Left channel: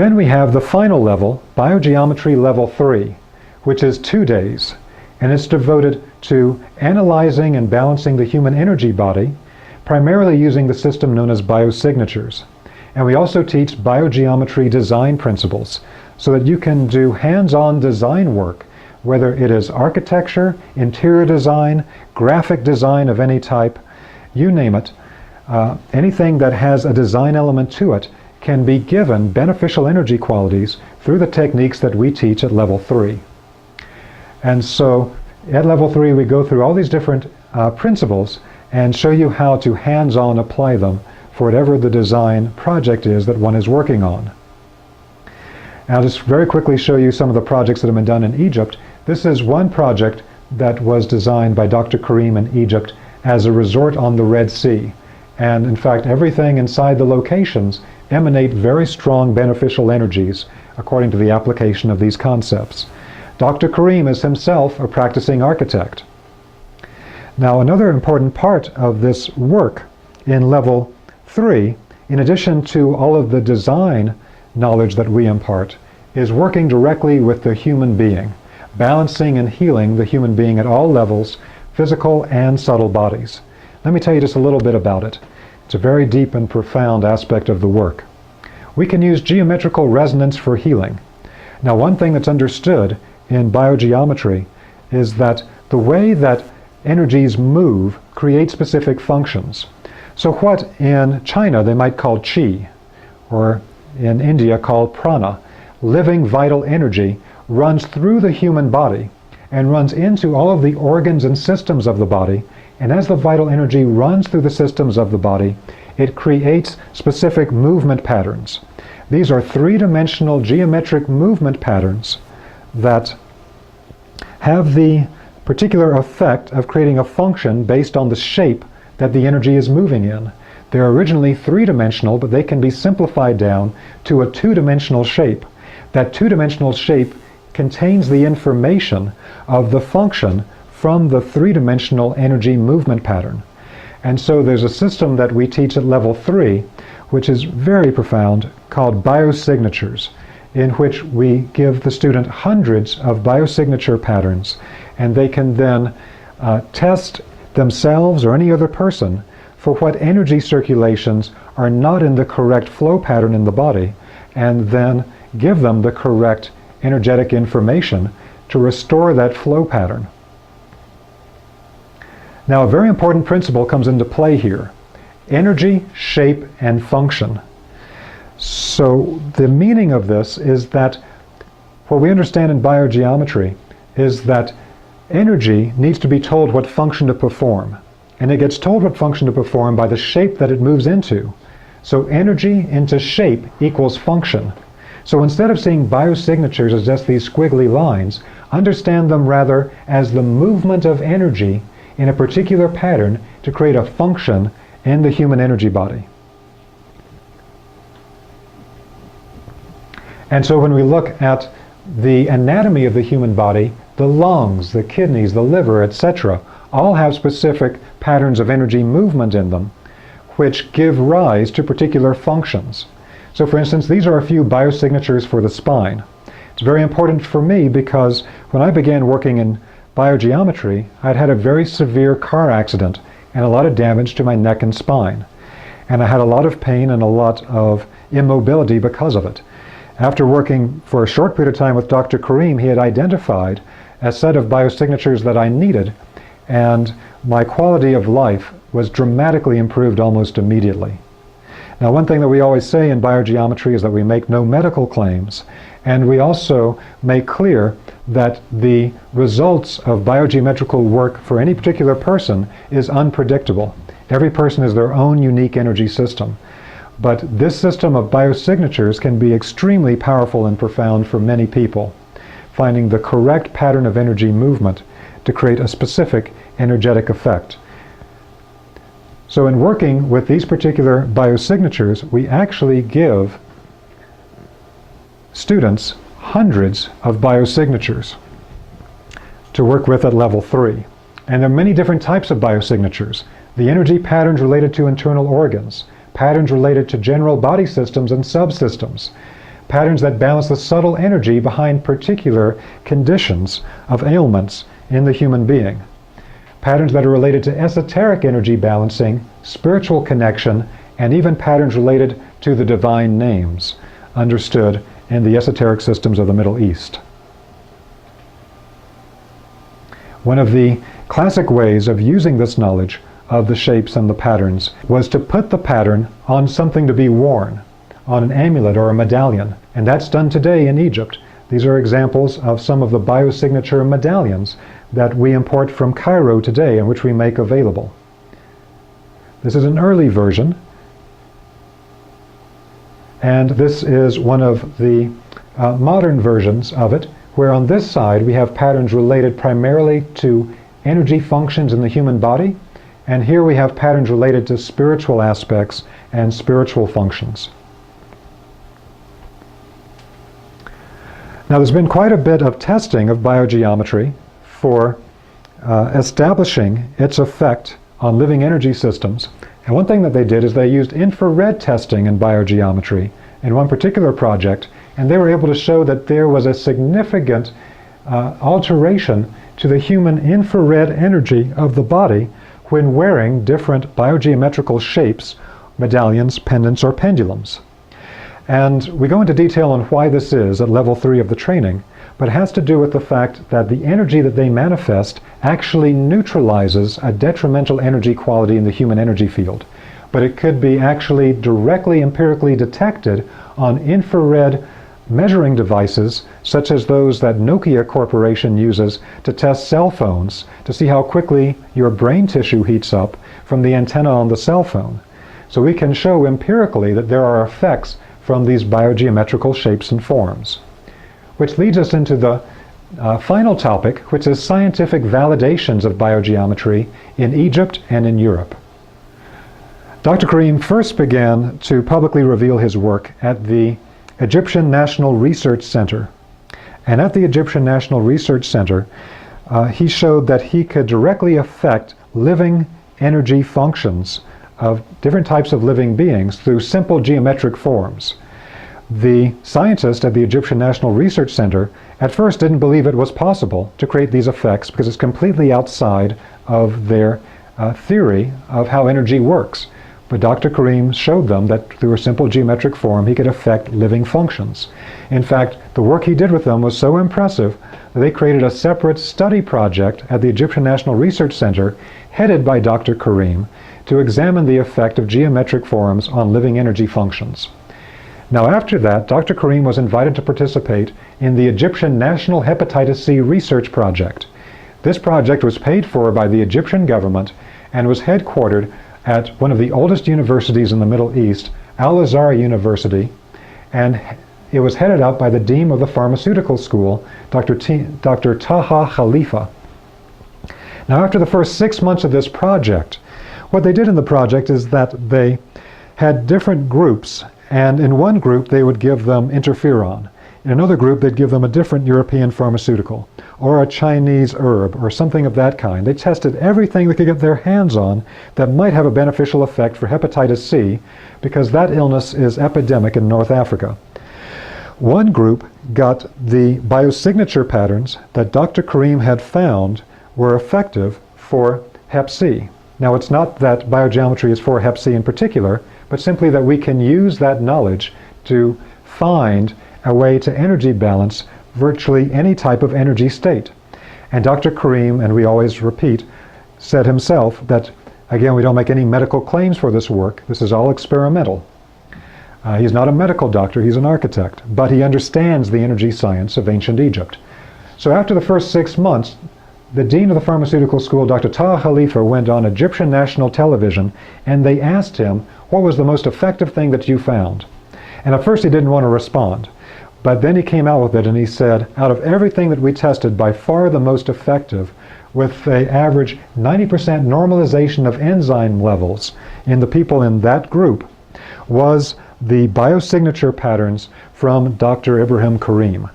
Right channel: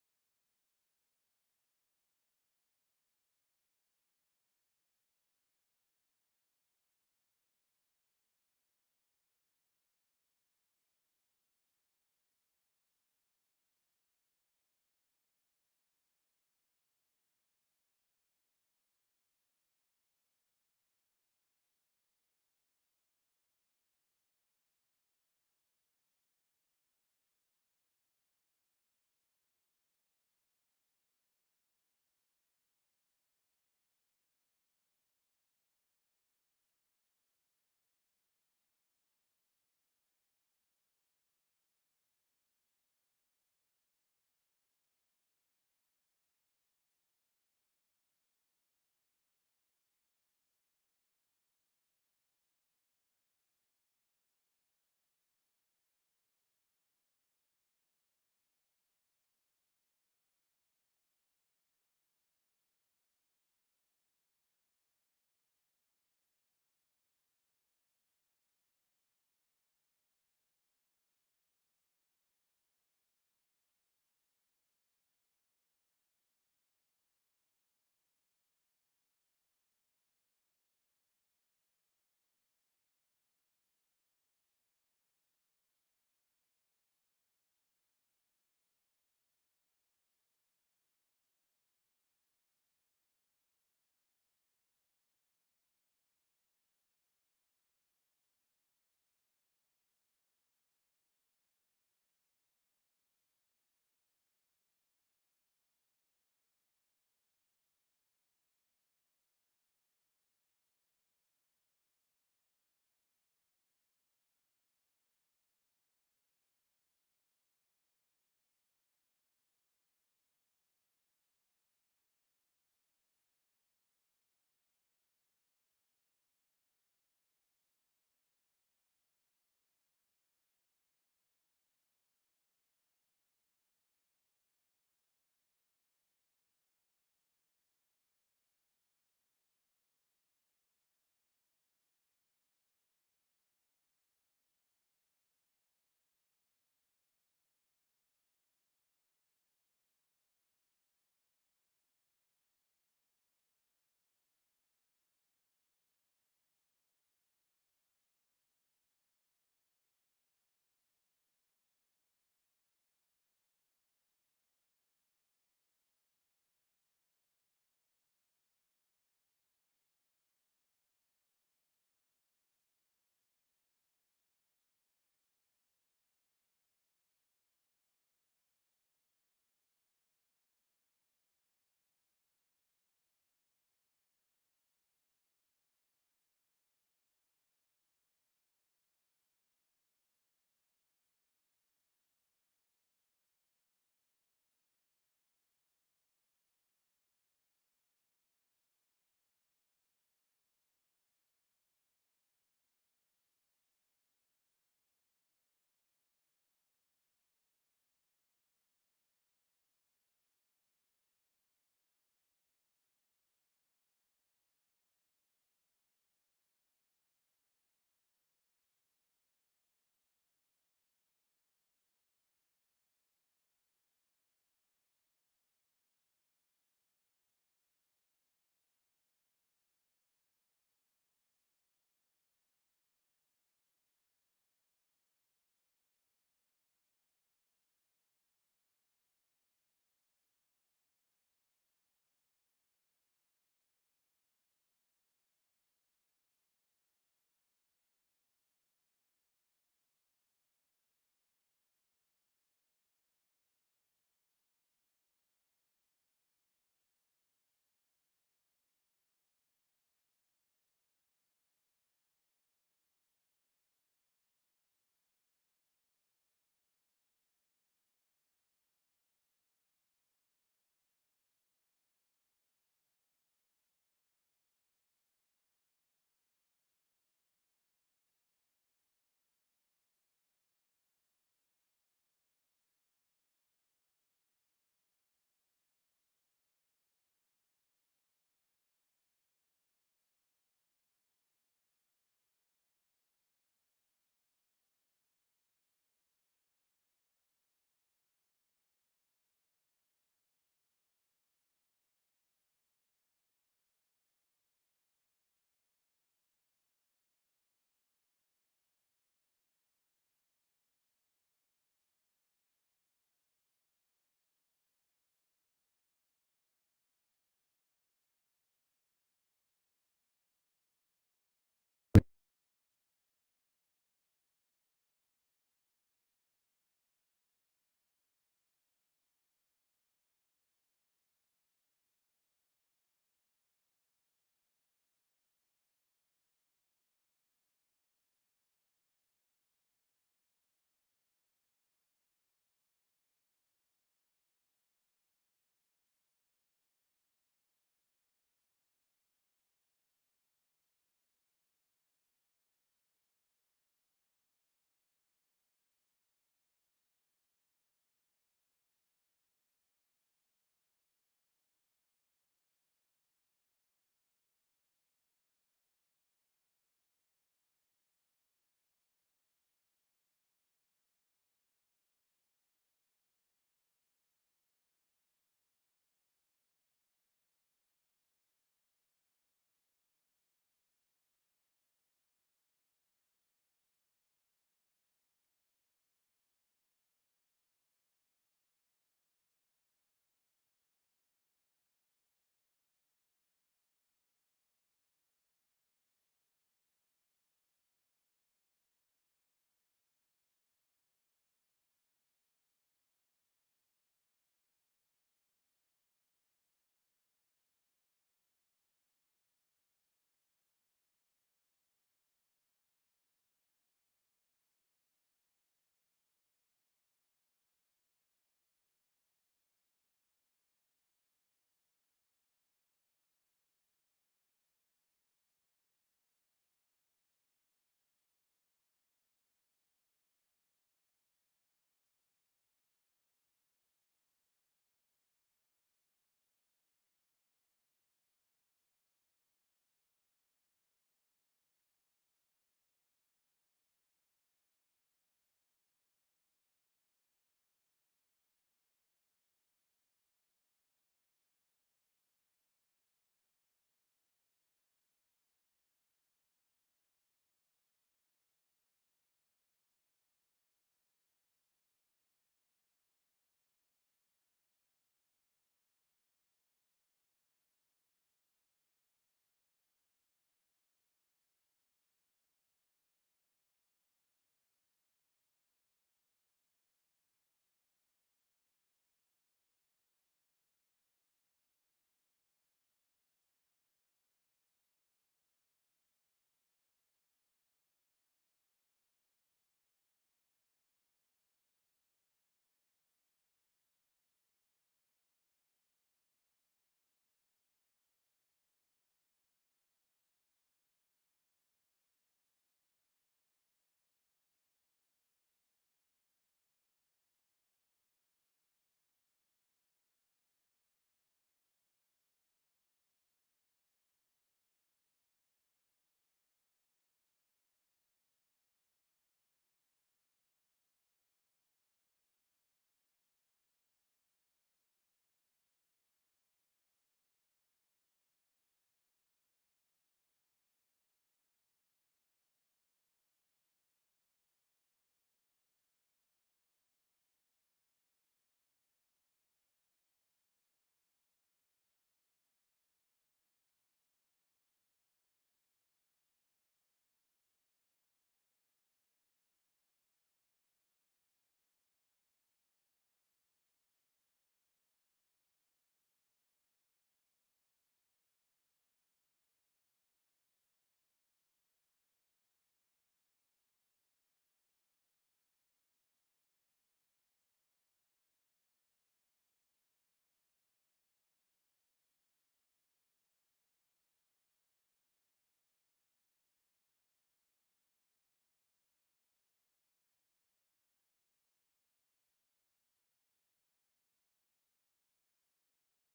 Then we have the final level, BioGeometry Level 3, which is 2 days, and it's devoted to analyzing and balancing the human energy body, primarily using the system known as BioSignatures. And we also teach biogeometry design principles, so that you can do hands-on design work, whether it is architecture, interior design, graphic design of any type, you name it. Anything that has a design element to it can be given beneficial energy qualities through the techniques that we teach at level 3. And so at level 3 we go through all these different principles and show you how to hands-on apply them for whatever the design project is that one is working on. I'll just very quickly show you some of the projects that have been done in Egypt. This is one project that was designed by Dr. Karim in Egypt as a resort on the Red Sea. And in fact, everything inside the locations emanate very strong beneficial energies according to the application of these concepts. Dr. Karim is himself a practicing architect. Now, another important part of this work in level 3, in addition to all of the design knowledge that we impart, is working directly with the human being, balancing and healing the human being at all levels, physical and subtle bodies. Let me tell you just a little bit about it. It's a very deep and profound aspect of the work. We can use geometrical resonance for healing. Now, one thing that's understood in biogeometry is that the way that energies move create specific functions. So what in China they might call qi, or in India called prana, living vital energy, runs through the human body and runs into all of the organs and systems of the body, and as the vital energy runs through the systems of the body, it creates specific movement patterns. These are three-dimensional geometric movement patterns that have the particular effect of creating a function based on the shape that the energy is moving in. They're originally three-dimensional, but they can be simplified down to a two-dimensional shape. That two-dimensional shape contains the information of the function from the three-dimensional energy movement pattern. And so there's a system that we teach at level 3, which is very profound, called BioSignatures, in which we give the student hundreds of biosignature patterns, and they can then test themselves or any other person for what energy circulations are not in the correct flow pattern in the body, and then give them the correct energetic information to restore that flow pattern. Now, a very important principle comes into play here: energy, shape, and function. So the meaning of this is that what we understand in biogeometry is that energy needs to be told what function to perform. And it gets told what function to perform by the shape that it moves into. So energy into shape equals function. So instead of seeing biosignatures as just these squiggly lines, understand them rather as the movement of energy in a particular pattern to create a function in the human energy body. And so when we look at the anatomy of the human body, the lungs, the kidneys, the liver, etc., all have specific patterns of energy movement in them, which give rise to particular functions. So for instance, these are a few biosignatures for the spine. It's very important for me because when I began working in biogeometry, I'd had a very severe car accident and a lot of damage to my neck and spine. And I had a lot of pain and a lot of immobility because of it. After working for a short period of time with Dr. Karim, he had identified a set of biosignatures that I needed, and my quality of life was dramatically improved almost immediately. Now, one thing that we always say in biogeometry is that we make no medical claims, and we also make clear that the results of biogeometrical work for any particular person is unpredictable. Every person is their own unique energy system. But this system of biosignatures can be extremely powerful and profound for many people, finding the correct pattern of energy movement to create a specific energetic effect. So in working with these particular biosignatures, we actually give students hundreds of biosignatures to work with at level 3. And there are many different types of biosignatures. The energy patterns related to internal organs, patterns related to general body systems and subsystems, patterns that balance the subtle energy behind particular conditions of ailments in the human being, patterns that are related to esoteric energy balancing, spiritual connection, and even patterns related to the divine names, understood in the esoteric systems of the Middle East. One of the classic ways of using this knowledge of the shapes and the patterns was to put the pattern on something to be worn, on an amulet or a medallion, and that's done today in Egypt. These are examples of some of the biosignature medallions that we import from Cairo today and which we make available. This is an early version, and this is one of the modern versions of it, where on this side we have patterns related primarily to energy functions in the human body, and here we have patterns related to spiritual aspects and spiritual functions. Now, there's been quite a bit of testing of biogeometry for establishing its effect on living energy systems. And one thing that they did is they used infrared testing in biogeometry in one particular project, and they were able to show that there was a significant alteration to the human infrared energy of the body when wearing different biogeometrical shapes, medallions, pendants, or pendulums. And we go into detail on why this is at level 3 of the training, but it has to do with the fact that the energy that they manifest actually neutralizes a detrimental energy quality in the human energy field. But it could be actually directly empirically detected on infrared measuring devices such as those that Nokia Corporation uses to test cell phones to see how quickly your brain tissue heats up from the antenna on the cell phone. So we can show empirically that there are effects from these biogeometrical shapes and forms. Which leads us into the final topic, which is scientific validations of biogeometry in Egypt and in Europe. Dr. Karim first began to publicly reveal his work at the Egyptian National Research Center. And at the Egyptian National Research Center, he showed that he could directly affect living energy functions of different types of living beings through simple geometric forms. The scientist at the Egyptian National Research Center at first didn't believe it was possible to create these effects because it's completely outside of their theory of how energy works. But Dr. Karim showed them that through a simple geometric form he could affect living functions. In fact, the work he did with them was so impressive that they created a separate study project at the Egyptian National Research Center headed by Dr. Karim to examine the effect of geometric forms on living energy functions. Now after that, Dr. Karim was invited to participate in the Egyptian National Hepatitis C Research Project. This project was paid for by the Egyptian government and was headquartered at one of the oldest universities in the Middle East, Al-Azhar University, and it was headed up by the dean of the pharmaceutical school, Dr. Taha Khalifa. Now after the first 6 months of this project, what they did in the project is that they had different groups, and in one group they would give them interferon. In another group they'd give them a different European pharmaceutical, or a Chinese herb, or something of that kind. They tested everything they could get their hands on that might have a beneficial effect for hepatitis C, because that illness is epidemic in North Africa. One group got the biosignature patterns that Dr. Karim had found were effective for Hep C. Now, it's not that biogeometry is for Hep C in particular, but simply that we can use that knowledge to find a way to energy balance virtually any type of energy state. And Dr. Karim, and we always repeat, said himself that, again, we don't make any medical claims for this work. This is all experimental. He's not a medical doctor, he's an architect, but he understands the energy science of ancient Egypt. So after the first 6 months, the dean of the pharmaceutical school, Dr. Taha Khalifa, went on Egyptian national television, and they asked him, what was the most effective thing that you found? And at first he didn't want to respond, but then he came out with it and he said, out of everything that we tested, by far the most effective, with an average 90% normalization of enzyme levels in the people in that group, was the biosignature patterns from Dr. Ibrahim Karim.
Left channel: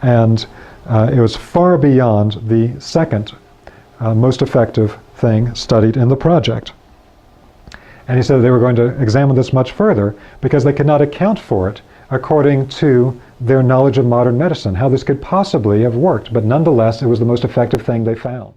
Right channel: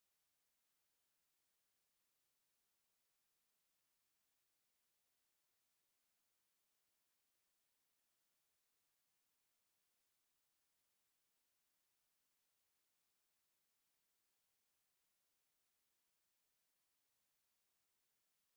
And it was far beyond the second most effective thing studied in the project. And he said they were going to examine this much further because they could not account for it according to their knowledge of modern medicine, how this could possibly have worked, but nonetheless, it was the most effective thing they found.